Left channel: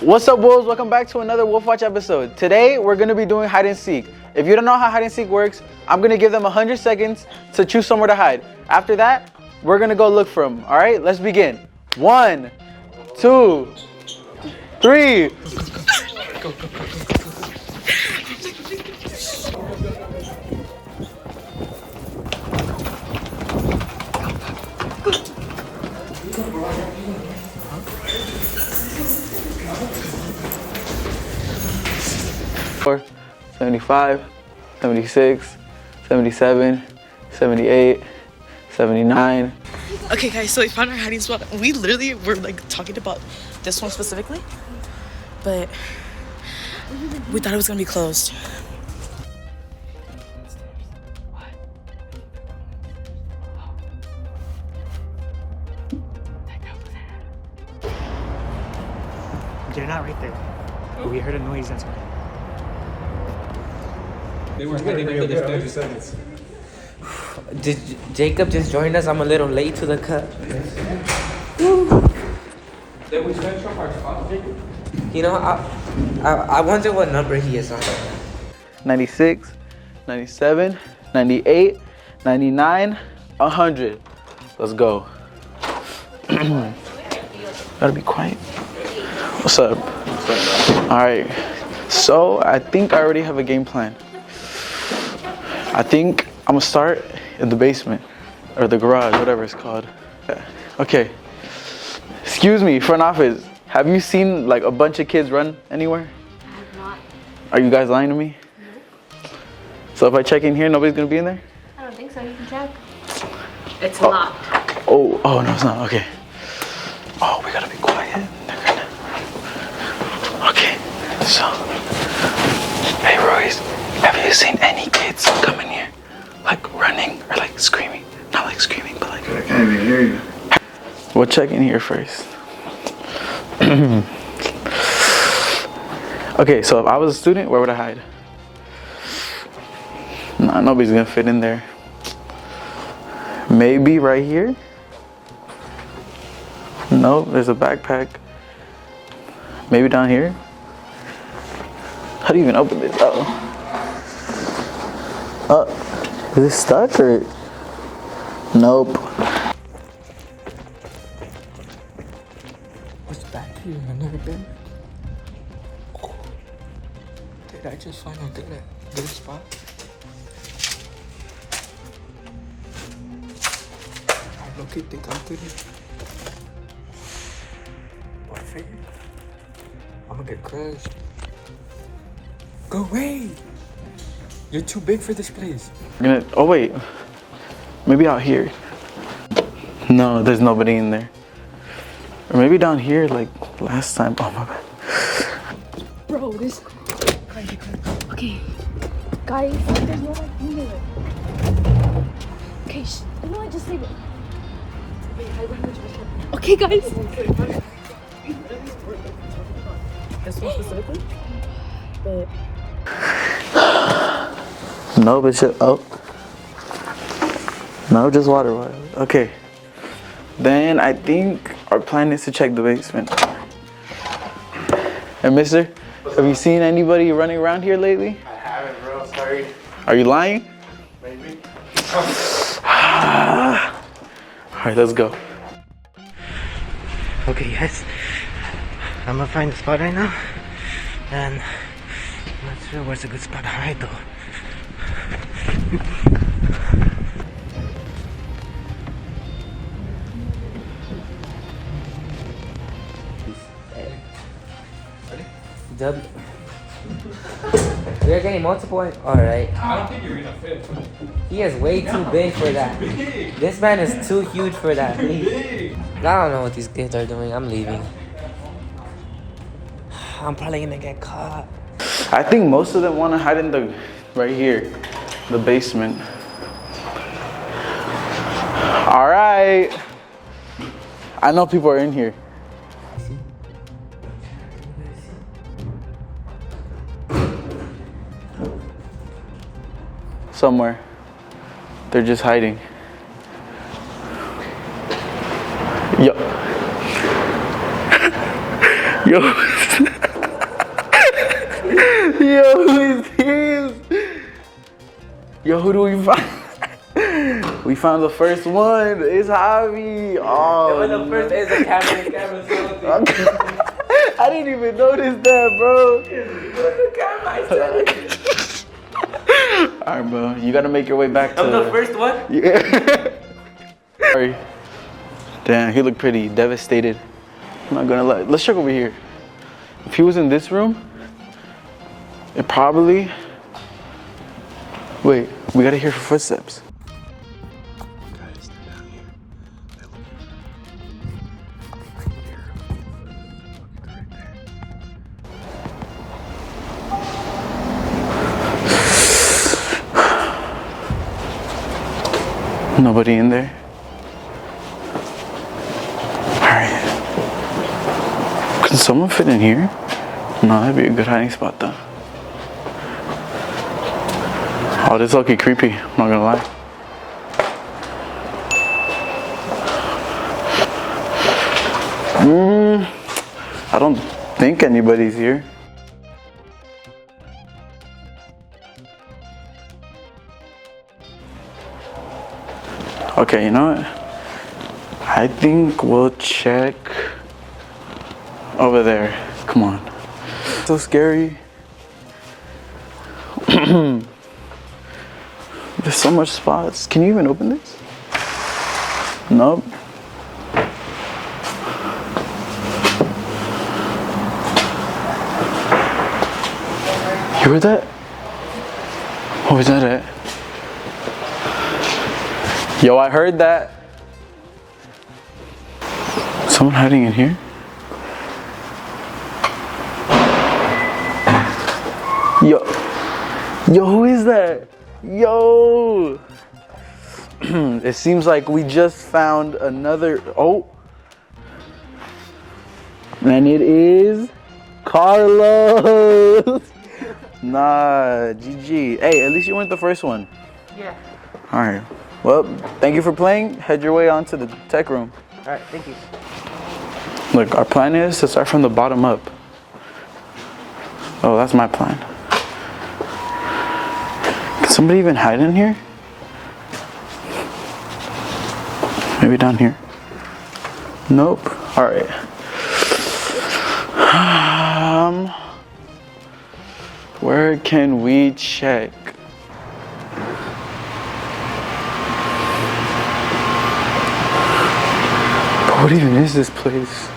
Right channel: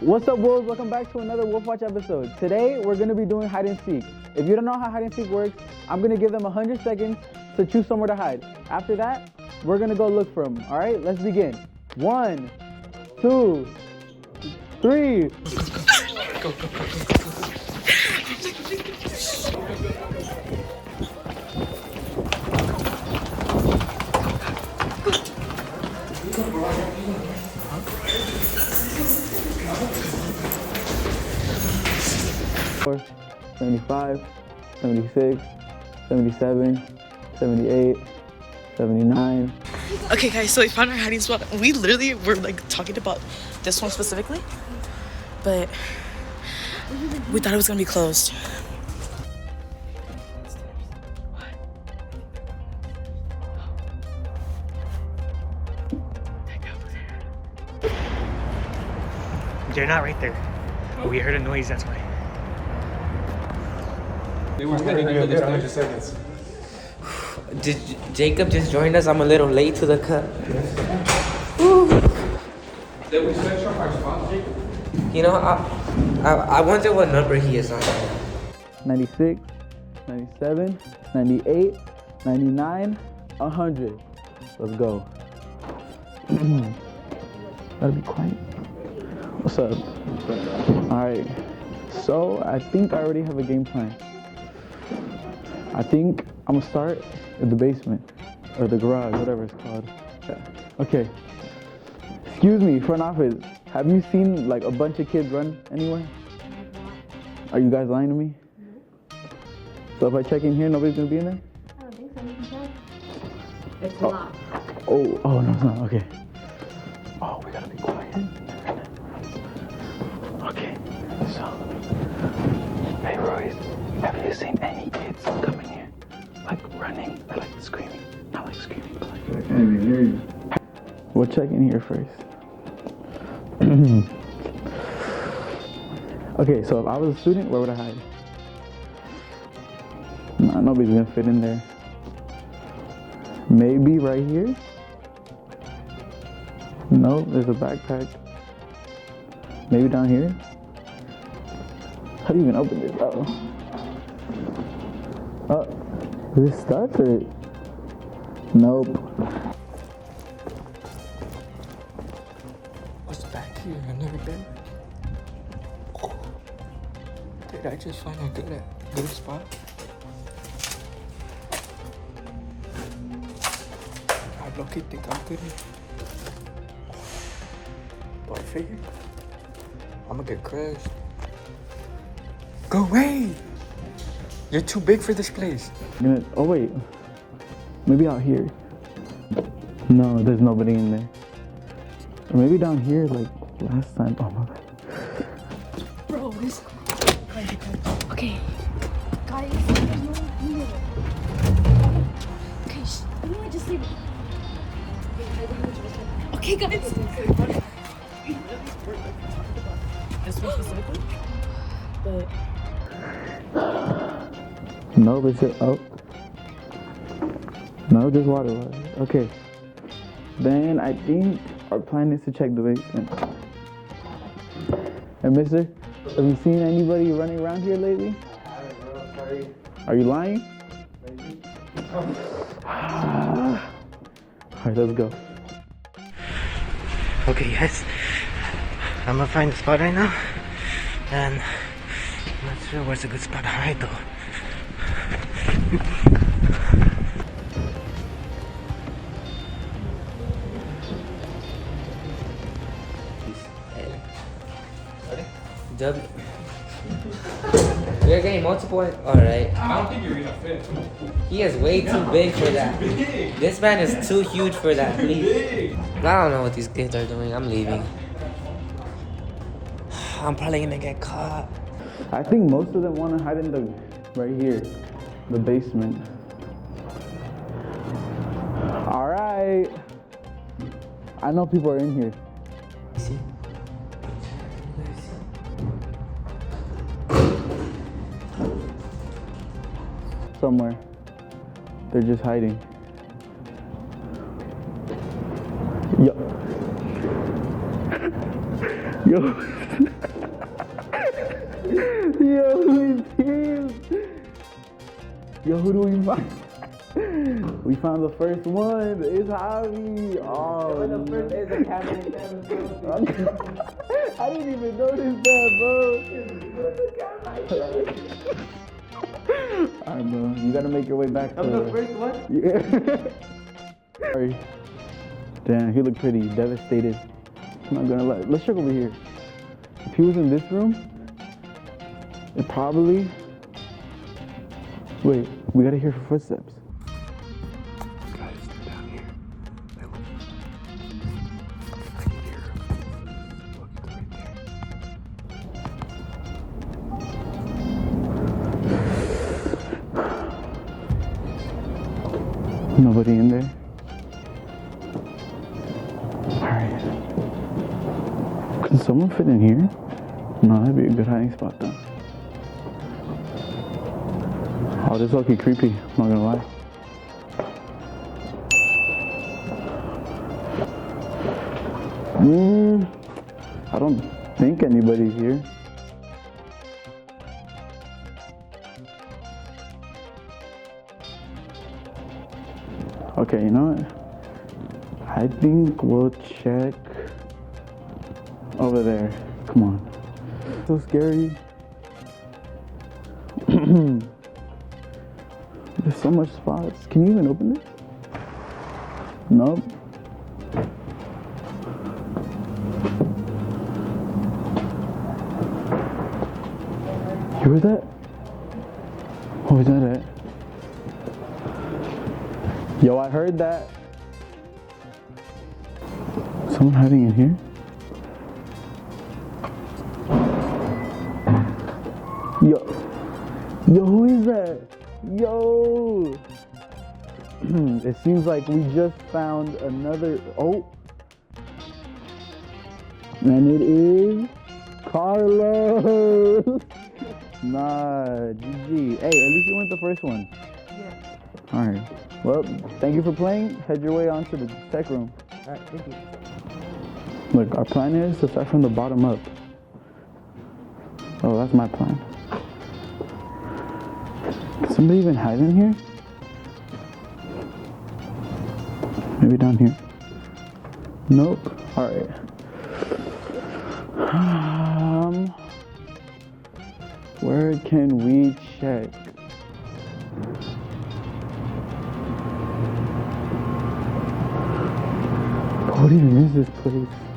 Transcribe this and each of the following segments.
What's up, wolves? Welcome back to another Wolf Watch episode. Today, we're gonna be doing hide and seek. If you don't know how hide and seek works, I'm gonna give them 100 seconds to choose somewhere to hide. After that, we're gonna go look for them. All right, let's begin. 1, 2, 3. Go. 75, 76, 77, 78, 79. Okay guys, so we found our hiding spot. We literally were like talking about this one specifically, but we thought it was gonna be closed. They're not right there. But we heard a noise, that's why. They were standing there for 30 seconds. Jacob just joined us. I'm a little late to the cut. You know, I wonder what number he is on. 96, 97, 98, 99, 100. Let's go. Gotta be quiet. What's up? All right. So I think I already have a game plan. I think I'm gonna start in the basement or the garage, whatever it's called. Okay. Excuse me, front office. Have you seen like a bunch of kids run anywhere? I have not. Are you guys lying to me? No. So if I check in here, nobody's gonna be in there? I don't think so. You can check. It's locked. Oh, no, it's not. Okay. Oh, we gotta be quiet. They're gonna. Okay. So, hey, Royce, have you seen any kids come in here, like running or like screaming? Not like screaming, but like. I can't even hear you. We'll check in here first. Okay, so if I was a student, where would I hide? Nah, nobody's gonna fit in there. Maybe right here? No, there's a backpack. Maybe down here? How do you even open this? Is it stuck or? Nope. What's back here? I've never been. Oh. Did I just find a good spot? I don't think I'm good. Do I fit in? I'm gonna get crushed. Go away! You're too big for this place. Oh wait, maybe out here. No, there's nobody in there. Or maybe down here like last time. Oh my bad. Bro, this. Okay. Guys, there's no one here. Okay, you know what? Just leave it. Okay, guys. This one specifically, but No, but just, no, just water. Okay. Then I think our plan is to check the basement. Hey, mister, have you seen anybody running around here lately? I haven't, bro. Sorry. Are you lying? Maybe. All right, let's go. Okay, guys. I'm gonna find the spot right now. And I'm not sure where's a good spot to hide though. W. You're getting multiple. Alright. I don't think you're gonna fit. He is way too big for that. This man is too huge for that. Please. I don't know what these kids are doing. I'm leaving. I'm probably gonna get caught. I think most of them want to hide in the, right here, the basement. All right. I know people are in here. Somewhere. They're just hiding. Yo. Yo. Yo, who is this? Yo, who do we find? We found the first one. It's Javi. Oh, The first is a camera. I didn't even notice that, bro. Alright, bro. You gotta make your way back to. I'm the first one. Yeah. Sorry. Damn, he looked pretty devastated. I'm not gonna lie. Let's check over here. If he was in this room, it probably. Wait, we gotta hear footsteps. Nobody in there? Alright. Can someone fit in here? No, that'd be a good hiding spot though. Oh, this is lucky creepy, I'm not gonna lie. I don't think anybody's here. Okay, you know what? I think we'll check over there. Come on. So scary. There's so much spots. Can you even open this? Nope. You heard that? What was that at? Yo, I heard that. Someone hiding in here? Yo, who is that? Yo. It seems like we just found another, oh. And it is Carlos. Nah, GG. Hey, at least you weren't the first one. Yeah. All right. Well, thank you for playing. Head your way on to the tech room. All right, thank you. Look, our plan is to start from the bottom up. Oh, that's my plan. Can somebody even hide in here? Maybe down here. Nope. All right. Where can we check? What even is this place?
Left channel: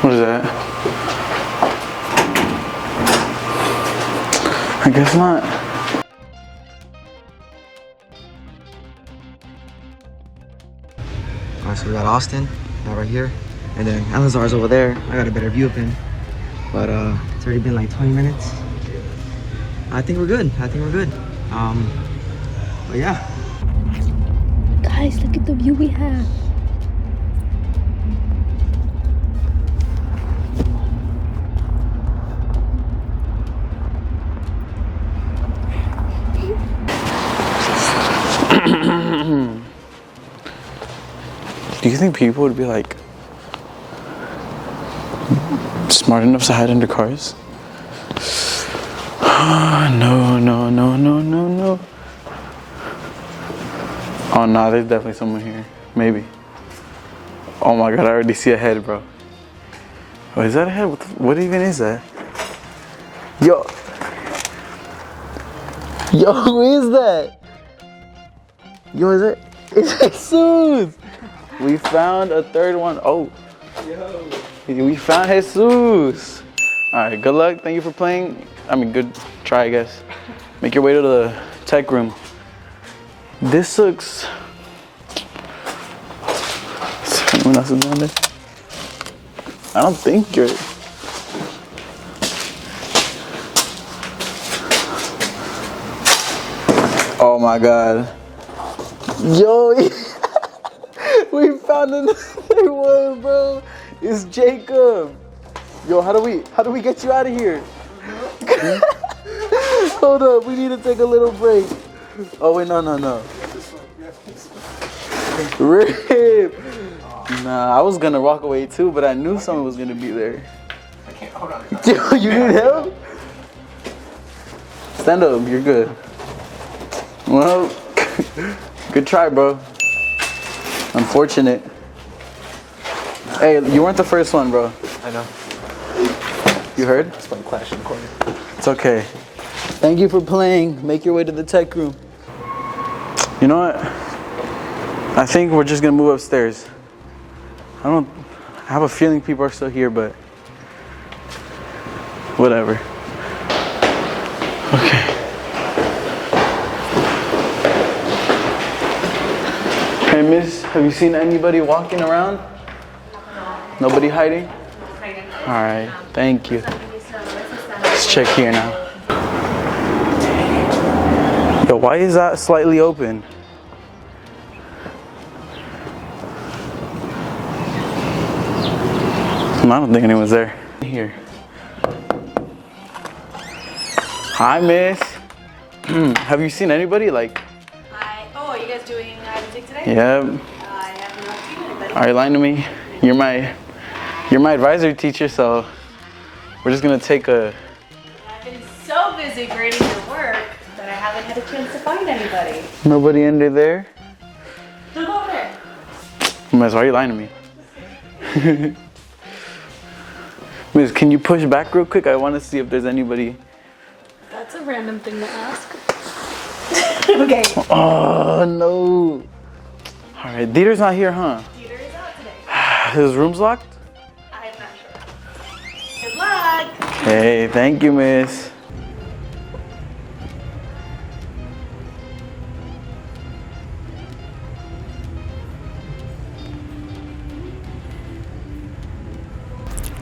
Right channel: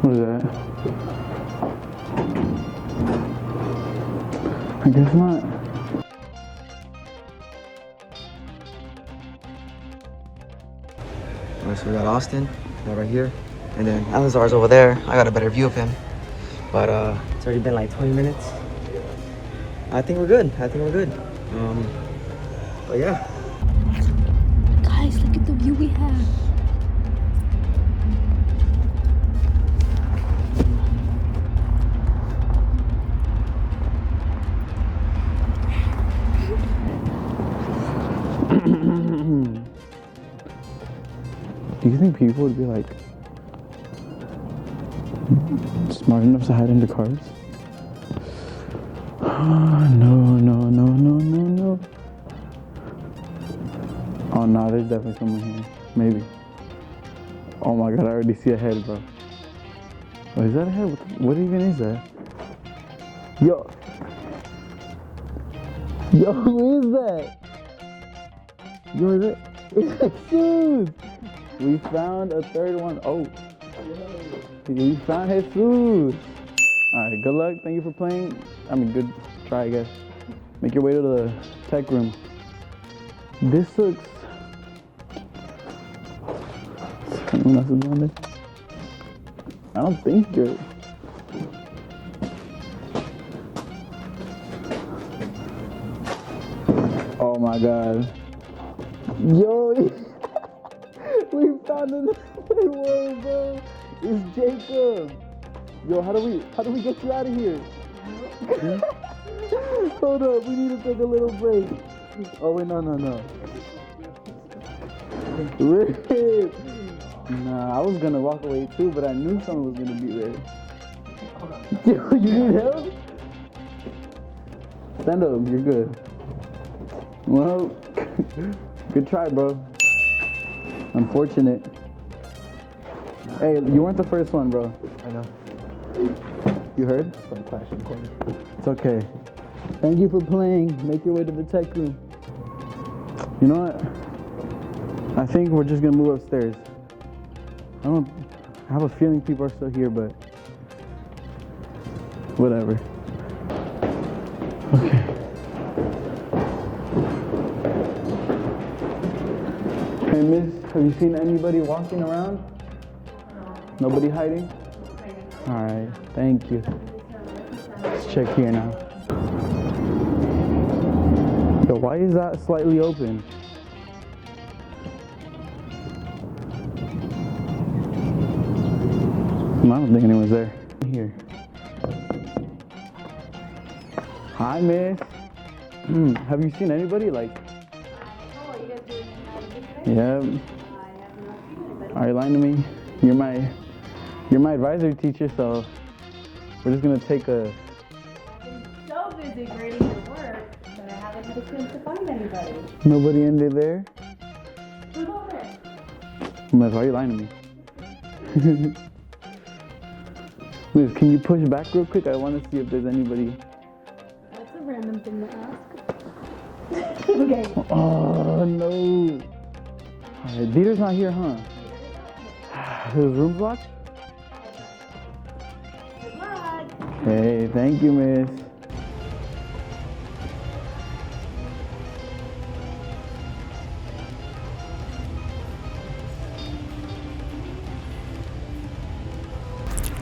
What is that? I guess not. So we got Austin right here, and then Alazar's over there. I got a better view of him, but it's already been like 20 minutes. I think we're good. But yeah. Guys, look at the view we have. Do you think people would be like smart enough to hide under cars? No. Oh nah, there's definitely someone here. Maybe. Oh my god, I already see a head, bro. Oh, is that a head? What even is that? Yo, who is that? Yo, is it? It's Jesus! We found a third one. Oh. We found Jesus. Alright, good luck. Thank you for playing. I mean, good try, I guess. Make your way to the tech room. This looks... Someone else is down there? I don't think you're... Oh my god. Yo, we found another one, bro. It's Jacob. Yo, how do we get you out of here? Hold up, we need to take a little break. Oh wait, no. Rip. Nah, I was gonna walk away too, but I knew someone was gonna be there. Yo, you need help? Stand up, you're good. Well, good try, bro. Unfortunate. Hey, you weren't the first one, bro. I know. You heard? That's my Clash in the corner. It's okay. Thank you for playing. Make your way to the tech room. You know what? I think we're just gonna move upstairs. I have a feeling people are still here, but whatever. Okay. Hey, miss, have you seen anybody walking around? Nobody hiding? All right, thank you. Let's check here now. Yo, why is that slightly open? I don't think anyone's there. Here. Hi, miss. Have you seen anybody? Like. Hi. Oh, are you guys doing music today? Yep. I have not seen anybody. Are you lying to me? You're my advisory teacher, so we're just gonna take a. I've been so busy grading your work that I haven't had a chance to find anybody. Nobody under there? Look over there. Miss, why are you lying to me? Miss, can you push back real quick? I want to see if there's anybody. That's a random thing to ask. Okay. Oh no! All right, Dieter's not here, huh? Peter is out today. His room's locked. I'm not sure. Good luck. Hey, thank you, miss.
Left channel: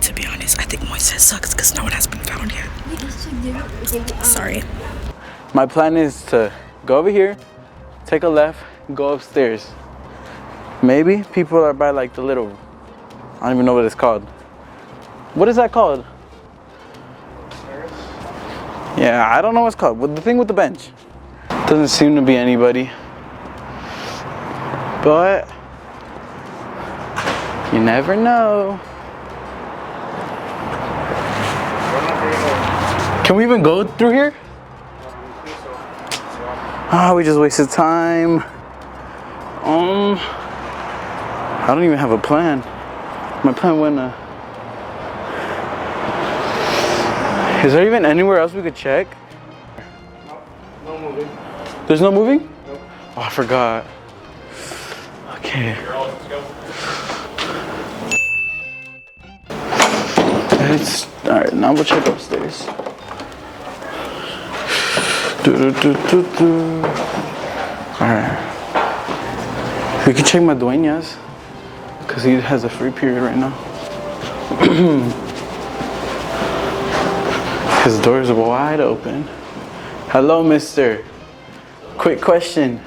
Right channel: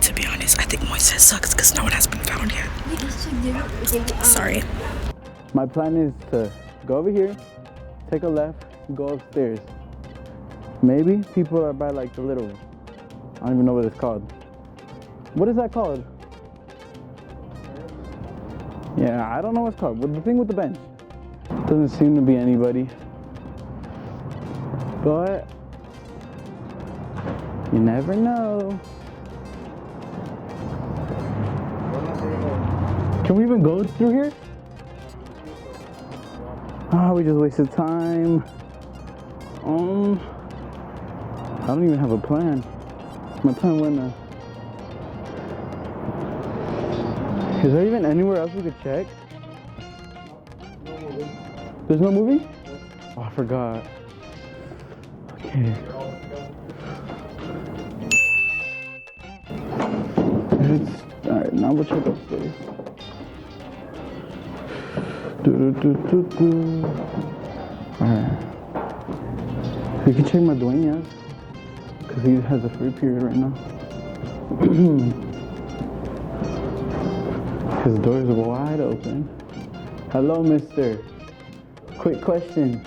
To be honest, I think Moises sucks because no one has been found yet. Sorry. My plan is to go over here, take a left, go upstairs. Maybe people are by like the little, I don't even know what it's called. What is that called? Yeah, I don't know what it's called. But the thing with the bench. Doesn't seem to be anybody. But you never know. Can we even go through here? Ah, we just wasted time. I don't even have a plan. My plan went Is there even anywhere else we could check? No moving. There's no moving? Nope. Oh, I forgot. Okay. You're all set to go. Alright, now we'll check upstairs. Alright. We can check Madueñas, because he has a free period right now. His doors are wide open. Hello, mister. Quick question.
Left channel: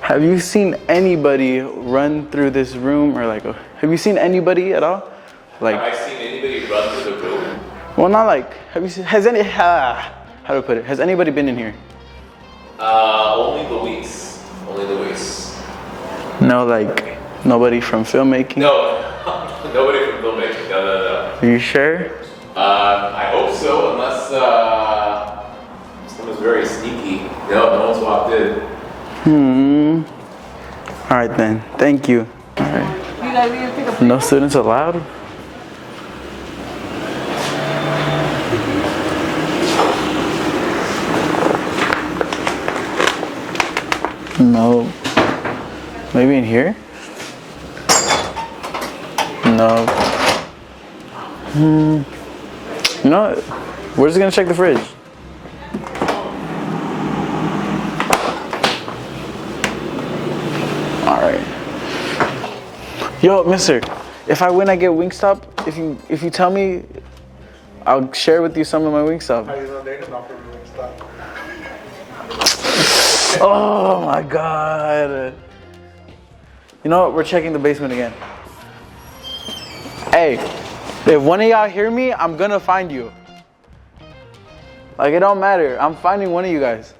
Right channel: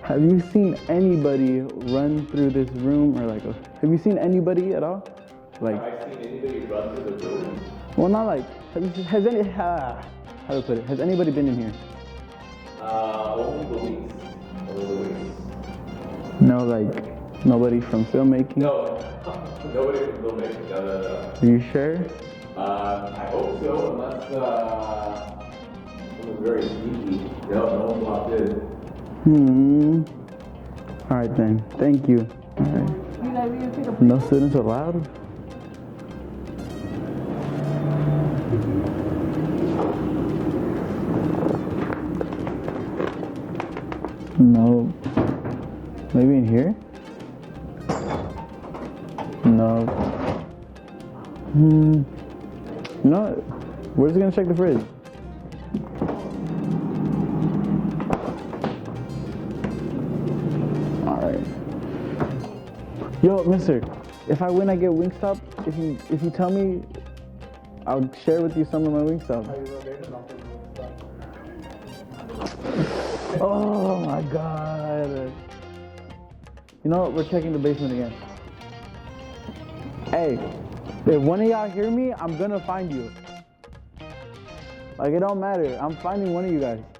Have you seen anybody run through this room, or like, have you seen anybody at all? Like, Have I seen anybody run through the room? well, not like, have you seen, how do I put it? Has anybody been in here? Only Luis. Only Luis. No, like, nobody from filmmaking? No, nobody from filmmaking. No. Are you sure? I hope so, unless someone's very sneaky. No one's walked in. All right then, thank you. All right. No students allowed? No. Maybe in here? No. You know what? We're just gonna check the fridge. All right. Yo, mister, if I win, I get Wingstop. If you tell me, I'll share with you some of my Wingstop. How do you know they're not from Wingstop? Oh my God. You know what? We're checking the basement again. Hey, if one of y'all hear me, I'm gonna find you. Like, it don't matter. I'm finding one of you guys.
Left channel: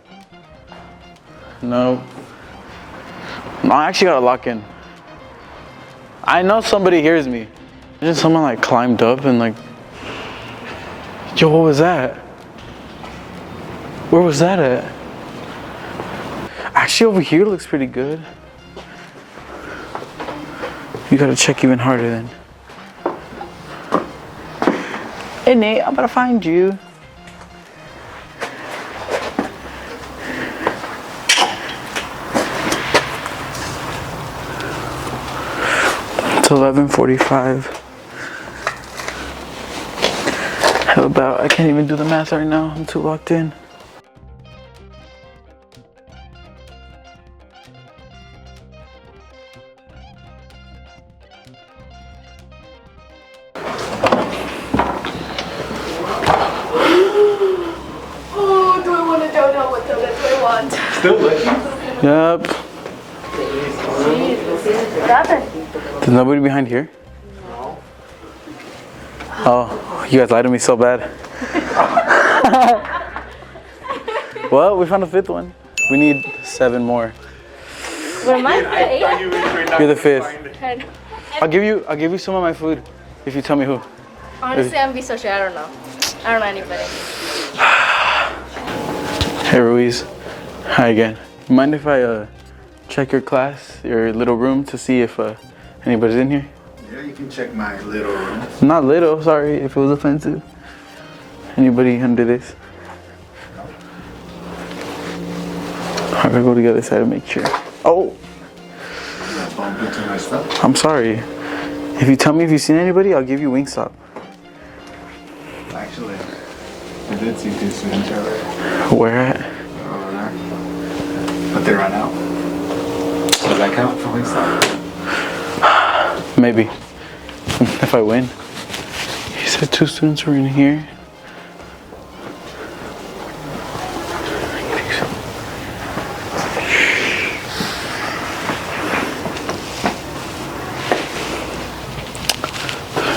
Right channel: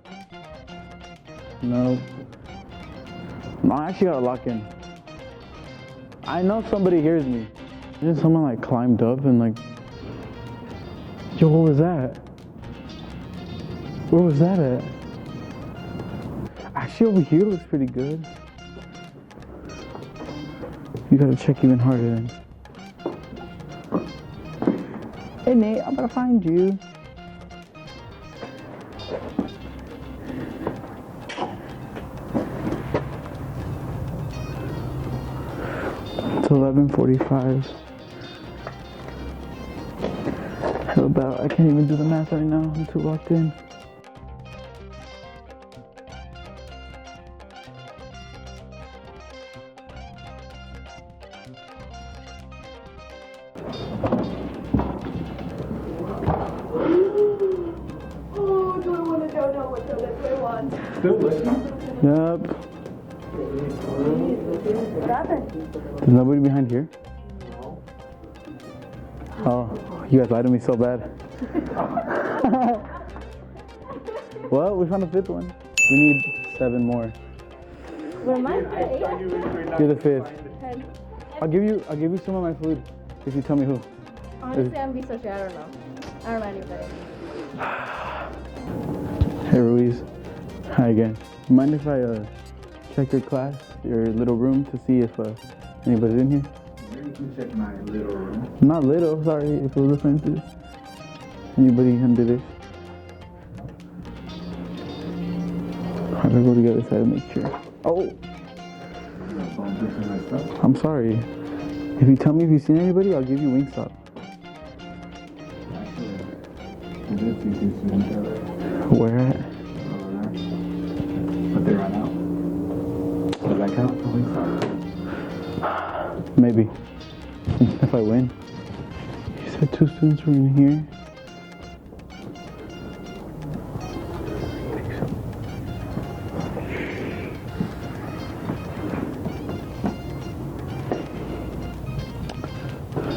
No. No, I actually gotta lock in. I know somebody hears me. Imagine someone like climbed up and like, yo, what was that? Where was that at? Actually, over here looks pretty good. You gotta check even harder then. Hey Nate, I'm gonna find you. It's 11:45. How about, I can't even do the math right now. I'm too locked in. Oh, do I want a donut? What donut do I want? Still looking? Yep. What happened? There's nobody behind here? No. Oh, you guys lied to me so bad. Well, we found a fifth one. We need 7 more. Where am I? You're the 5th. I'll give you some of my food if you tell me who. Honestly, I'm be so shy. I don't know. I don't know anybody. Hey Ruiz. Hi again. Mind if I check your class, your little room, to see if anybody's in here? Yeah, you can check my little room. Not little, sorry if it was offensive. Anybody under this? I'm gonna go to the other side and make sure. Oh! That's why I'm getting my stuff. I'm sorry. If you tell me if you've seen anybody, I'll give you Wingstop. Actually, I did see 2 students earlier. Where at? Over there. But they ran out. Does that count for Wingstop? Maybe. If I win. He said 2 students were in here.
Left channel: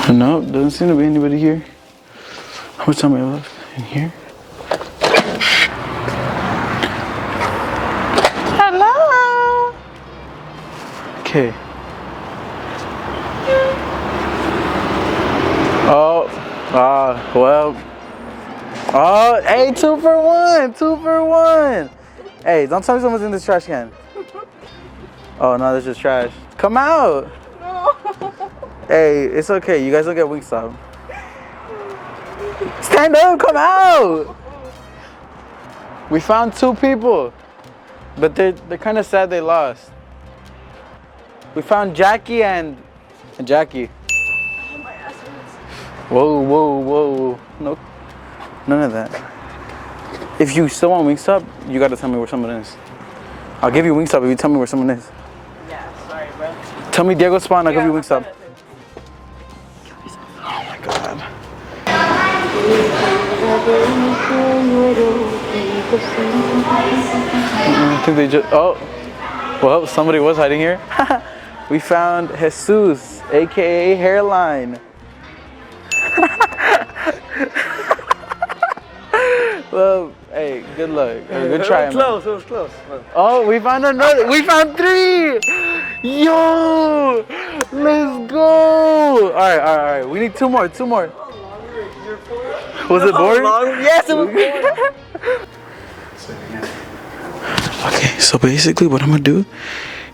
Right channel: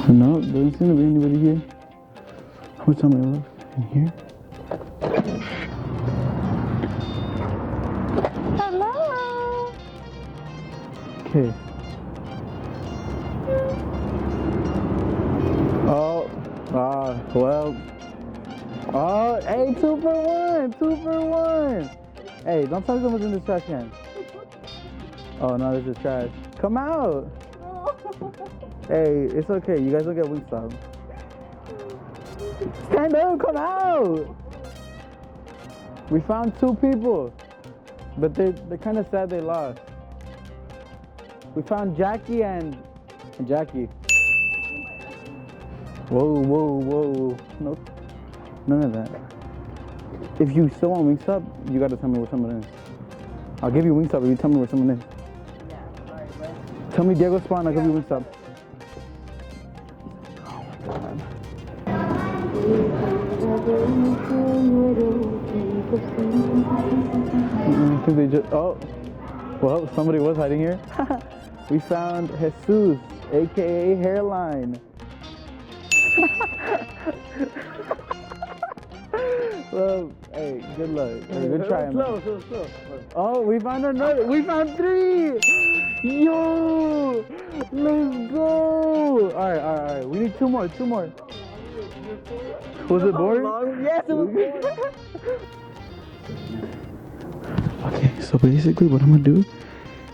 No, doesn't seem to be anybody here. How much time I have left? In here? Hello! Okay. Oh, well. Oh, hey, 2 for 1, 2 for 1. Hey, don't tell me someone's in this trash can. Oh, no, this is trash. Come out. Hey, it's okay. You guys will get Wingstop. Stand up, come out. We found 2 people, but they're kind of sad they lost. We found Jackie and Jackie. Whoa, whoa, whoa. No, none of that. If you still want Wingstop, you gotta tell me where someone is. I'll give you Wingstop if you tell me where someone is. Yeah, sorry, bro. Tell me Diego Spawn, I'll give you Wingstop. Oh my God. I think they just, oh, well, somebody was hiding here. We found Jesus, AKA Hairline. Well, hey, good luck. Good try, man. Close, it was close. Oh, we found another. We found 3. Yo, let's go. All right. We need 2 more. Was it boring? Yes, it was boring. Okay, so basically what I'm gonna do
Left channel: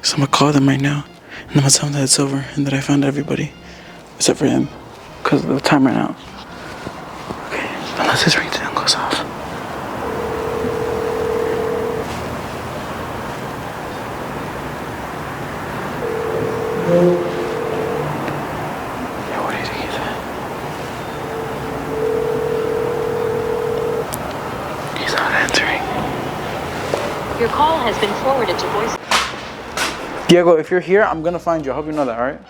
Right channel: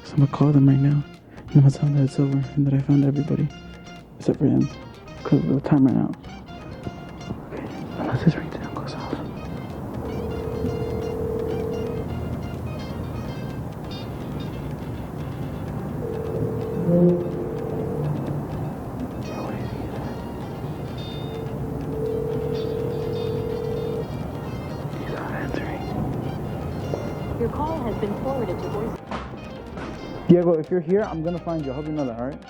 is I'm gonna call them right now, and I'm gonna tell them that it's over and that I found everybody, except for him, because the time ran out. Okay, unless his ringtone goes off. Yeah, what do you think he's at? He's not answering. Your call has been forwarded to voice. Diego, if you're here, I'm gonna find you. I hope you know that, all right?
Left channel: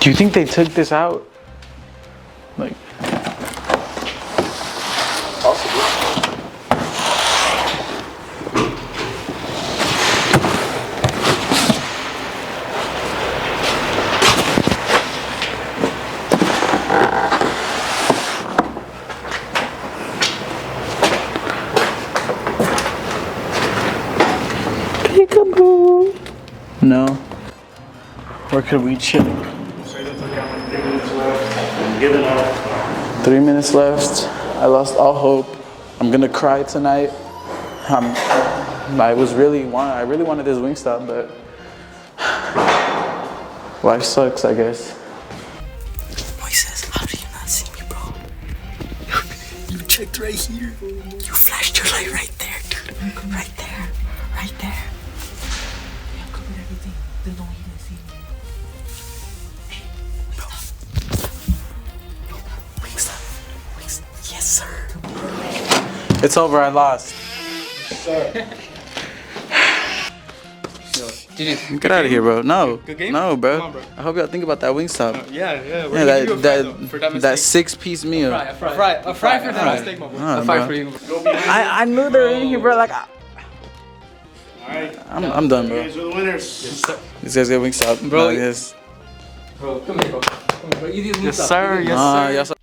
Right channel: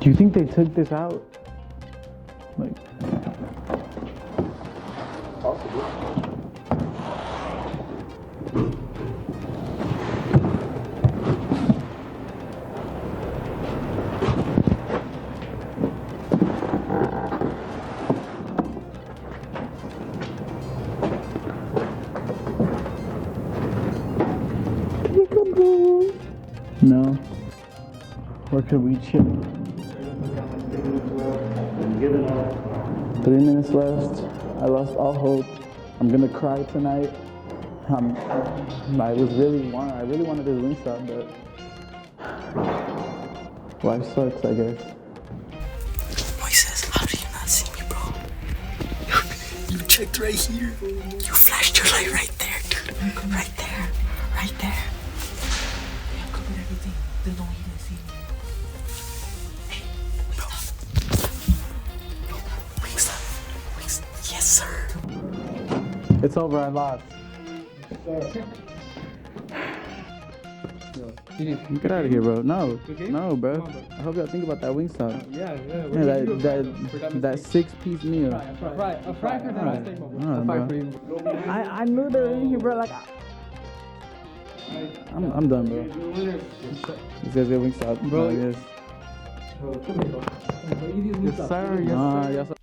Do you think they took this out? Like, Or could we chill? Say that's okay. I'm like 3 minutes left. I'm giving up. 3 minutes left. I lost all hope. I'm gonna cry tonight. I really wanted this Wingstop, but life sucks, I guess. Moises, how did you not see me, bro? You checked right here. You flashed your light right there, dude. Right there. Right there. I covered everything. Then no, he didn't see me. Hey, Wingstop. Wingstop. Yes, sir. It's over, I lost. Get out of here, bro. No. Good game? No, bro. Come on, bro. I hope y'all think about that Wingstop. Yeah. We're Yeah, gonna give you a fry, though, for that mistake. 6-piece meal. A fry for that mistake, my boy. Nah, A fry bro. for you. I knew they were in here, bro. Like, Alright. I'm done, You bro. guys are the winners. These guys get Wingstop, Bro, I guess. Bro, come here, bro. Come here, bro. You did Yes, sir. Yes, sir.